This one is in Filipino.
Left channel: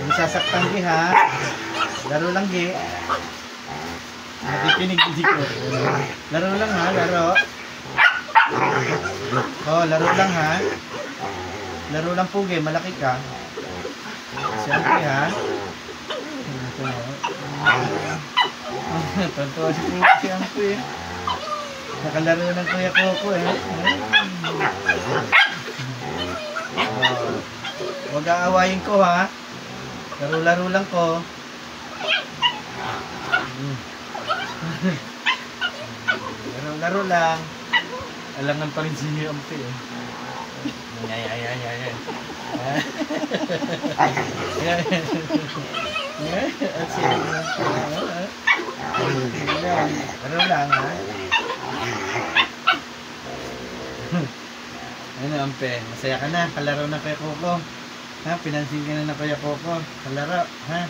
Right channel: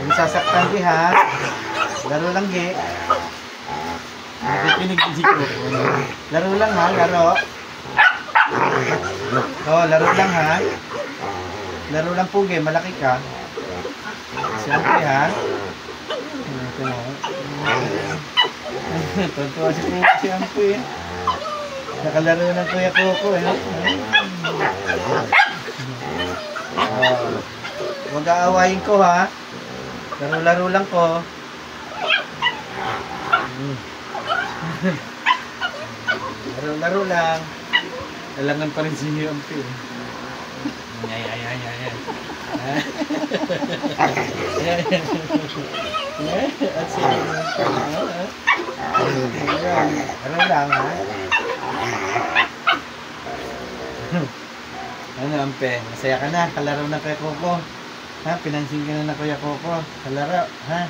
Ang sasaktan di ha. Laro lang di. Nakikinig di ko. Laro lang ha, laro. Oh, laro lang ha. Laro lang pugi, malaki ka. Siyempre ha. Ito mo. Tonto si Pugi si Ampoy eh. Nakalaro ng Kuya Coco eh. Oh. Huwag aawayin ko ha. Laro-laro lang ko. Laro-laro lang. Alangan pa rin si Ampoy eh. Ay. Ano lang ha? Ano Ampe? Masaya ka na? Kalaro na kay Coco? Ha? Pinansin ka na Kuya Coco? Kalaro? Ha?